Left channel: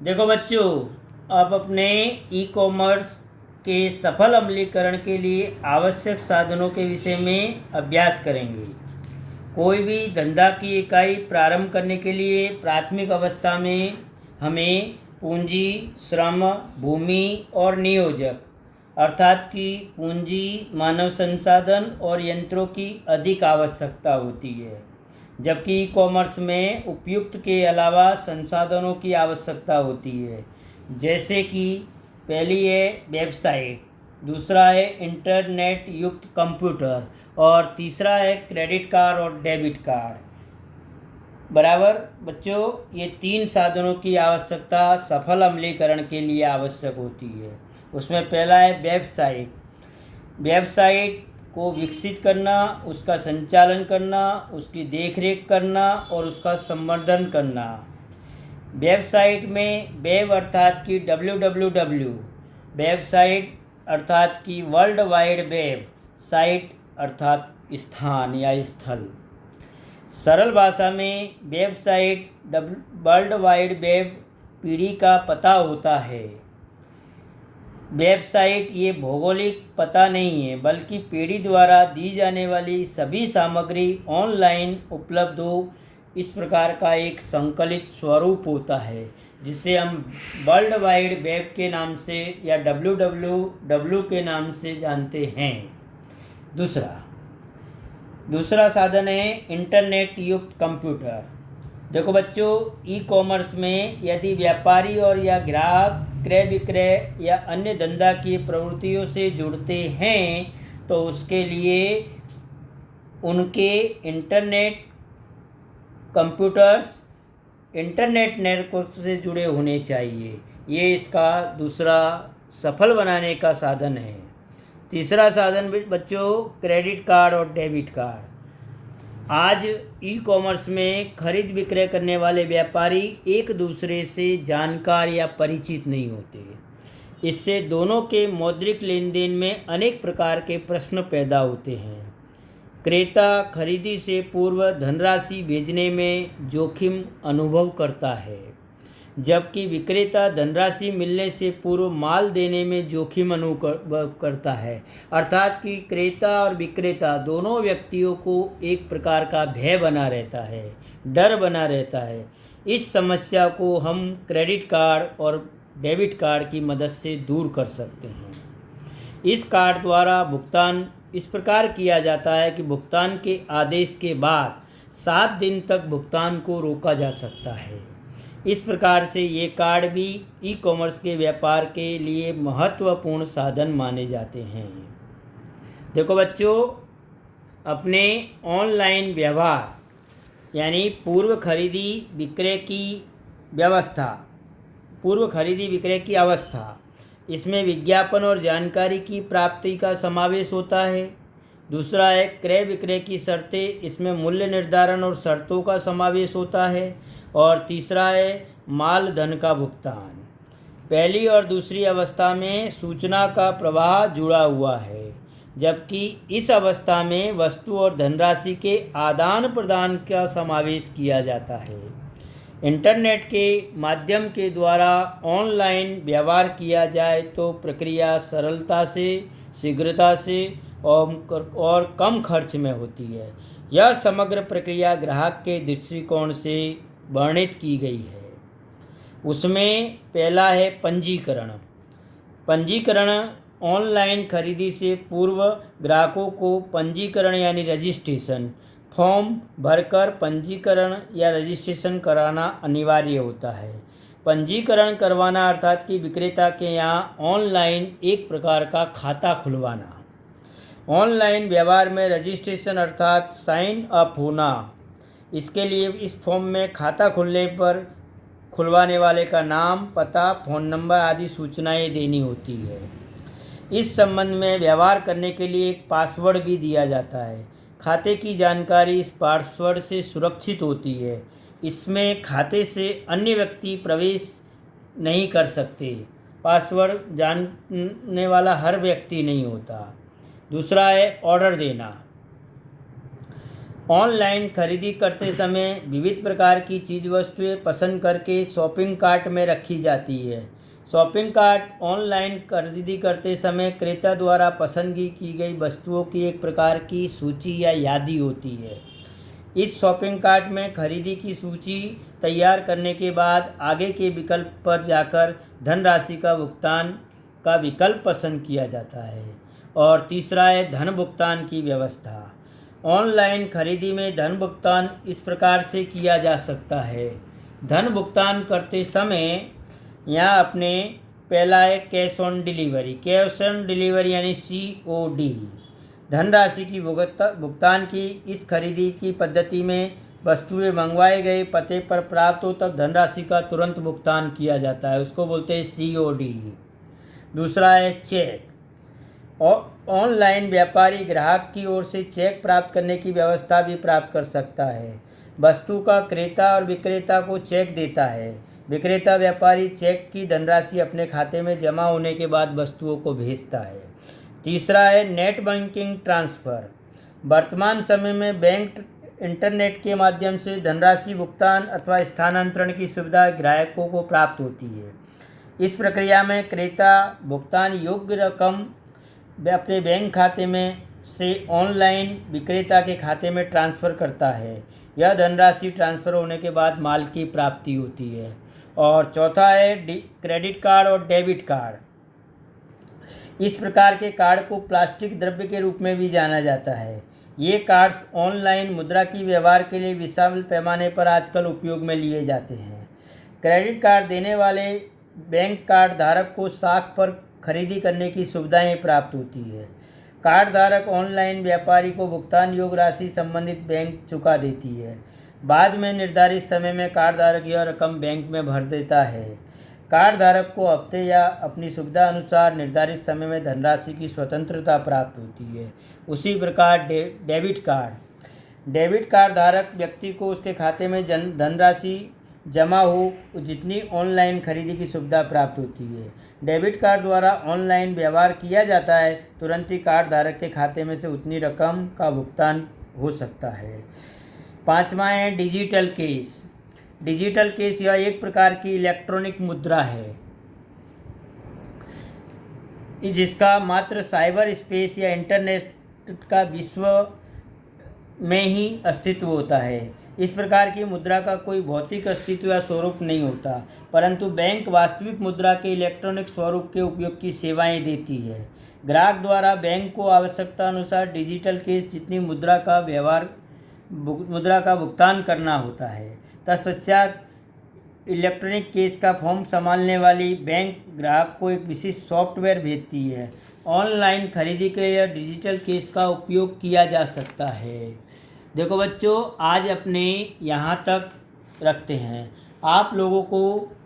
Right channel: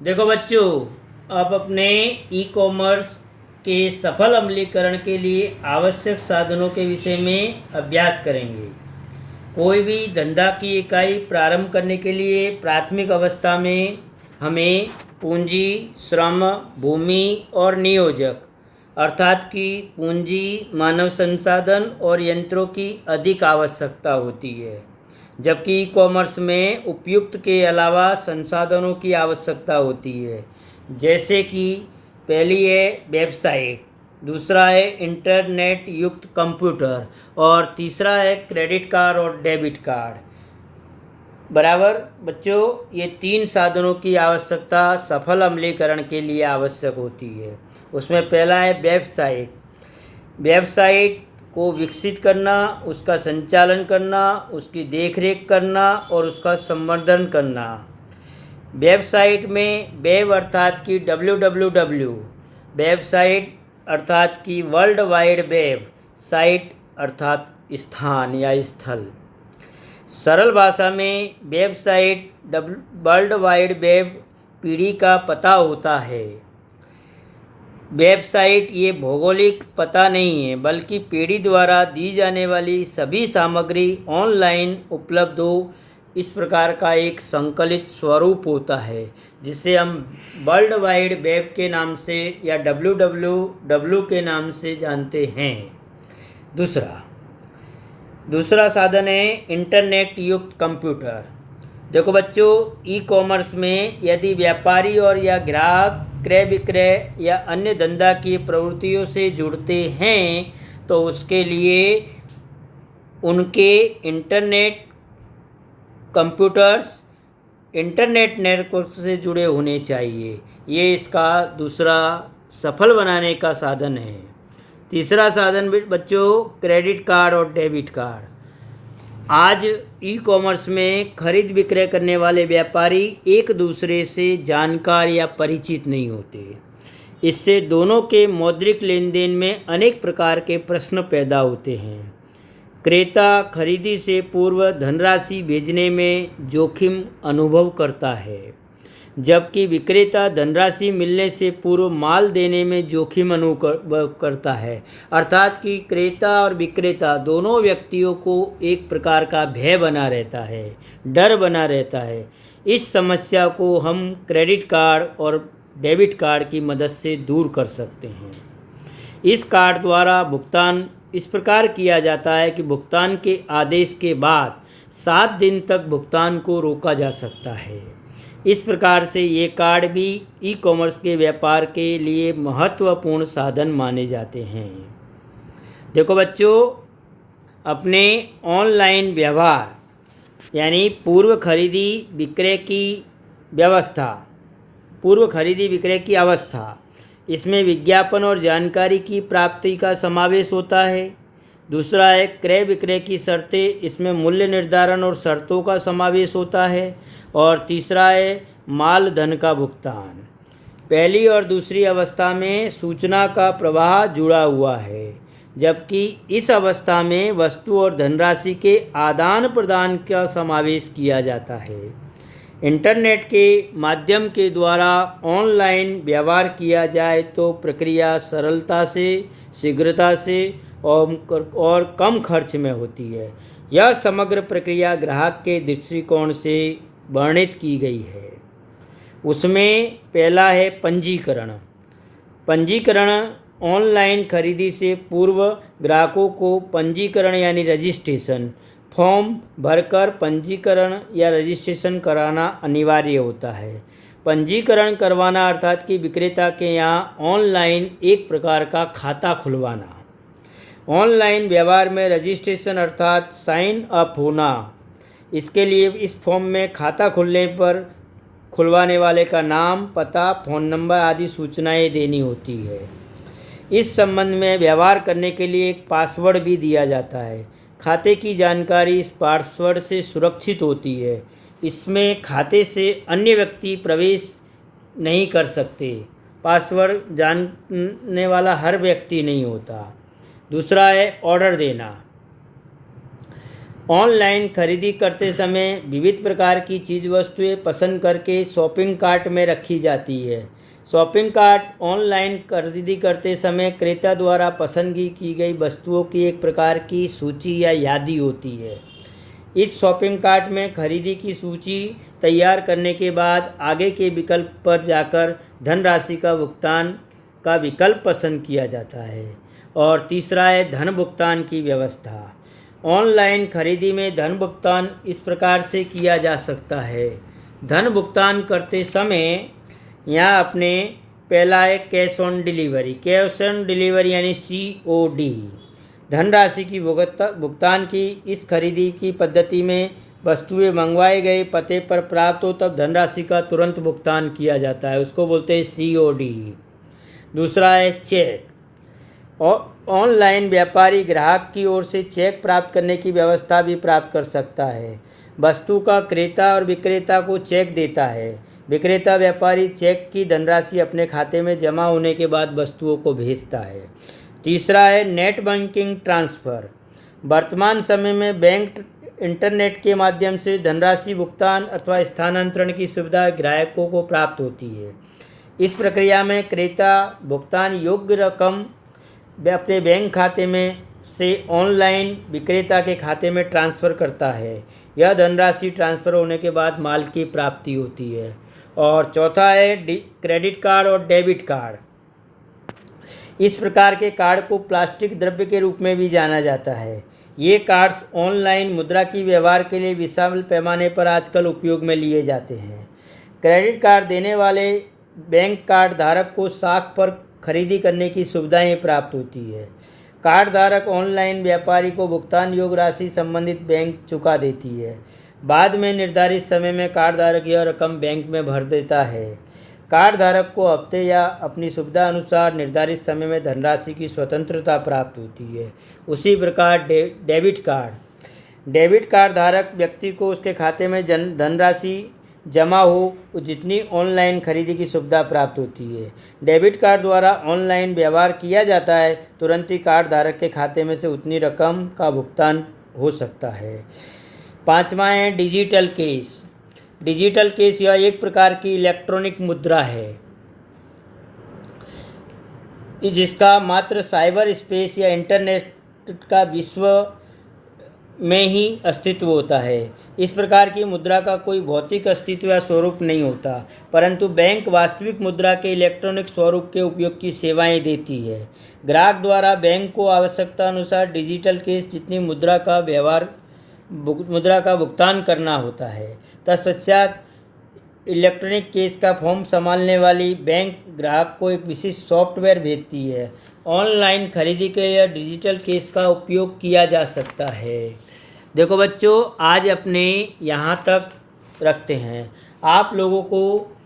देखो बच्चों, अब अपने ई कॉमर्स के सफल अमलीकरण के लिए आवश्यक साधनों के विषय में अभ्यास करेंगे। कोई भी धंधा की इकाई प्रारंभ करने के लिए प्राथमिक अवस्था में हमें पूंजी, श्रम, भूमि और नियोजक अर्थात कि पूंजी, मानव संसाधन और यंत्रों की अधिक आवश्यकता होती है, जबकि ई कॉमर्स में उपयुक्त के अलावा संसाधनों की आवश्यकता होती है, जैसे कि पहली है वेबसाइट, दूसरा है इंटरनेट युक्त कंप्यूटर और तीसरा है क्रेडिट कार्ड और डेबिट कार्ड। बराबर बच्चों, ये तीन साधनों की आवश्यकता सफल अमलीकरण के लिए आवश्यक होती है। उसमें पहला है वेबसाइट। वेबसाइट को विकसित करना, उसका संचालन करना, उसकी देखरेख करना और उसका संवर्धन करना। वेबसाइट में वेब अर्थात कि www, वेबसाइट अर्थात कि वर्ल्ड वाइड वेब, साइट अर्थात स्थान या स्थल। सरल भाषा में वेबसाइट वर्ल्ड वाइड वेब पीढ़ी का पता होता है। वेबसाइट ये भौगोलिक पता नहीं है, बल्कि पीढ़ी द्वारा दी जाने वाली सभी सामग्री ऑनलाइन उपलब्ध हो, इस प्रकार का एक संकलित स्वरूप होता है, जिसे हम वर्ल्ड वाइड वेब के नाम से या www के नाम से जानते हैं। दूसरा साधन है इंटरनेट युक्त कंप्यूटर। देखो बच्चों, ई कॉमर्स में यदि व्यापारी और या ग्राहक क्रय विक्रय या अन्य धंधा की प्रवृत्तियों से जुड़ते हैं तो उसके लिए उनके इंटरनेट कंप्यूटर्स इंटरनेट नेटवर्क से जुड़े होने चाहिए। ये इसका दूसरा सफल बनाने का साधन है। तीसरा साधन बच्चों क्रेडिट कार्ड और डेबिट कार्ड। आज ई कॉमर्स में खरीद विक्रय करने वाले व्यापारी एक दूसरे से जानकार या परिचित नहीं होते। इससे दोनों के मौद्रिक लेन देन में अनेक प्रकार के प्रश्न पैदा होते हैं। क्रेता खरीदी से पूर्व धनराशि भेजने में जोखिम अनुभव करता है, जबकि विक्रेता धनराशि मिलने से पूर्व माल देने में जोखिम अनुभव करता है। अर्थात कि क्रेता और विक्रेता दोनों व्यक्तियों को एक प्रकार का भय बना रहता है, डर बना रहता है। इस समस्या को हम क्रेडिट कार्ड और डेबिट कार्ड की मदद से दूर कर सकते हैं। इस कार्ड द्वारा भुगतान इस प्रकार किया जाता है कि भुगतान के आदेश के बाद 7 दिन तक भुगतान को रोका जा सकता है। इस प्रकार से ये कार्ड भी ई कॉमर्स के व्यापार के लिए महत्वपूर्ण साधन माने जाते हैं। देखो बच्चों, अपने ऑनलाइन व्यवहार यानी पूर्व खरीदी विक्रय की अवस्था, इसमें विज्ञापन और जानकारी की प्राप्ति का समावेश होता है। दूसरा है क्रय विक्रय की शर्तें, इसमें मूल्य निर्धारण और शर्तों का समावेश होता है। और तीसरा है माल धन का भुगतान। पहली और दूसरी अवस्था में सूचना का प्रवाह जुड़ा हुआ है, जबकि इस अवस्था में वस्तु और धनराशि के आदान प्रदान का समावेश किया जाता है। इंटरनेट के माध्यम के द्वारा ऑनलाइन व्यवहार किया जाए तो प्रक्रिया सरलता से, शीघ्रता से और कम खर्च में होती है। यह समग्र प्रक्रिया ग्राहक के दृष्टिकोण से वर्णित की गई है। उसमें पहला है पंजीकरण ऑनलाइन खरीदी से पूर्व ग्राहकों को पंजीकरण यानी रजिस्ट्रेशन फॉर्म भरकर पंजीकरण या रजिस्ट्रेशन कराना अनिवार्य होता है। पंजीकरण करवाना अर्थात कि विक्रेता के यहाँ ऑनलाइन एक प्रकार का खाता खुलवाना। ऑनलाइन व्यवहार में रजिस्ट्रेशन अर्थात साइन अप होना। इसके लिए इस फॉर्म में खाता खुलने पर खुलवाने वाले का नाम, पता, फ़ोन नंबर आदि सूचनाएं देनी होती है। इस संबंध में व्यवहार करने के लिए एक पासवर्ड भी दिया जाता है। खाते की जानकारी इस पासवर्ड से सुरक्षित होती है। इसमें खाते से अन्य व्यक्ति प्रवेश नहीं कर सकते। पासवर्ड जानने वाला हर व्यक्ति नहीं होता। दूसरा है ऑर्डर देना। ऑनलाइन खरीदी करते समय विविध प्रकार की चीज़ वस्तुएं पसंद करके शॉपिंग कार्ट में रखी जाती है। शॉपिंग कार्ट ऑनलाइन खरीदी करते समय क्रेता द्वारा पसंद की गई वस्तुओं की एक प्रकार की सूची या यादी होती है। इस शॉपिंग कार्ट में खरीदी की सूची तैयार करने के बाद आगे के विकल्प पर जाकर धनराशि का भुगतान का विकल्प पसंद किया जाता है। और तीसरा है धन भुगतान की व्यवस्था। ऑनलाइन खरीदी में धन भुगतान इस प्रकार से किया जा सकता है। धन भुगतान करते समय यहाँ अपने पहला है cash on delivery. Cash on delivery यानी COD। धनराशि की भुगतान की इस खरीदी की पद्धति में वस्तुएं मंगवाए गए पते पर प्राप्त हो तब धनराशि का तुरंत भुगतान किया जाता है, उसको बोलते हैं COD। दूसरा है चेक। और ऑनलाइन व्यापारी ग्राहक की ओर से चेक प्राप्त करने की व्यवस्था भी प्राप्त कर सकता है। वस्तु का क्रेता और विक्रेता को चेक देता है। विक्रेता व्यापारी चेक की धनराशि अपने खाते में जमा होने के बाद वस्तुओं को भेजता है। तीसरा है नेट बैंकिंग ट्रांसफ़र। वर्तमान समय में बैंक इंटरनेट के माध्यम से धनराशि भुगतान अथवा स्थानांतरण की सुविधा ग्राहकों को प्राप्त होती है। इस प्रक्रिया में क्रेता भुगतान योग्य रकम अपने बैंक खाते में से ऑनलाइन विक्रेता के खाते में ट्रांसफ़र करता है। यह धनराशि ट्रांसफ़र होने के बाद माल की प्राप्ति होती है। और चौथा है क्रेडिट कार्ड और डेबिट कार्ड। इस प्रकार के कार्ड को प्लास्टिक द्रव्य के रूप में भी जाना जाता है। ये कार्ड्स ऑनलाइन मुद्रा की व्यवहार के लिए विशाल पैमाने पर आजकल उपयोग में लिए जाते हैं। क्रेडिट कार्ड देने वाले बैंक कार्ड धारक को साख पर खरीदी करने की सुविधाएं प्राप्त होती है। कार्ड धारक ऑनलाइन व्यापारी को भुगतान योग्य राशि संबंधित बैंक चुका देती है। बाद में निर्धारित समय में कार्ड धारक यह रकम बैंक में भर देता है। कार्ड धारक को हफ्ते या अपनी सुविधा अनुसार निर्धारित समय में धनराशि की स्वतंत्रता प्राप्त होती है। उसी प्रकार डेबिट कार्ड धारक व्यक्ति को उसके खाते में धनराशि जमा हो जितनी ऑनलाइन खरीदी की सुविधा प्राप्त होती है। डेबिट कार्ड द्वारा ऑनलाइन व्यवहार किया जाता है, तुरंत ही कार्ड धारक के खाते में से उतनी रकम का भुगतान हो सकता है। पाँचवा है डिजिटल कैश। डिजिटल कैश यह एक प्रकार की इलेक्ट्रॉनिक मुद्रा है जिसका मात्र साइबर स्पेस या इंटरनेट का विश्व में ही अस्तित्व होता है। इस प्रकार की मुद्रा का कोई भौतिक अस्तित्व या स्वरूप नहीं होता, परंतु बैंक वास्तविक मुद्रा के इलेक्ट्रॉनिक स्वरूप के उपयोग की सेवाएं देती है। ग्राहक द्वारा बैंक को आवश्यकता अनुसार डिजिटल कैश जितनी मुद्रा का भुगतान करना होता है। तत्पश्चात इलेक्ट्रॉनिक कैश का फॉर्म संभालने वाली बैंक ग्राहक को एक विशिष्ट सॉफ्टवेयर भेजती है। ऑनलाइन खरीदी के लिए डिजिटल कैश का उपयोग किया जा सकता है। देखो बच्चों, आज अपने यहाँ तक रखते हैं। आप लोगों को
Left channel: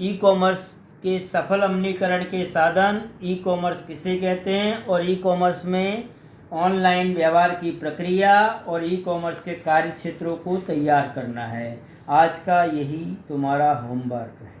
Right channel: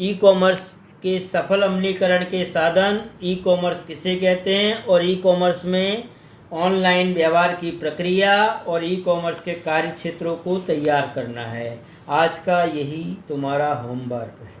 ई-कॉमर्स के सफल अमलीकरण के साधन, ई-कॉमर्स किसे कहते हैं और ई-कॉमर्स में ऑनलाइन व्यवहार की प्रक्रिया और ई-कॉमर्स के कार्य क्षेत्रों को तैयार करना है। आज का यही तुम्हारा होमवर्क है।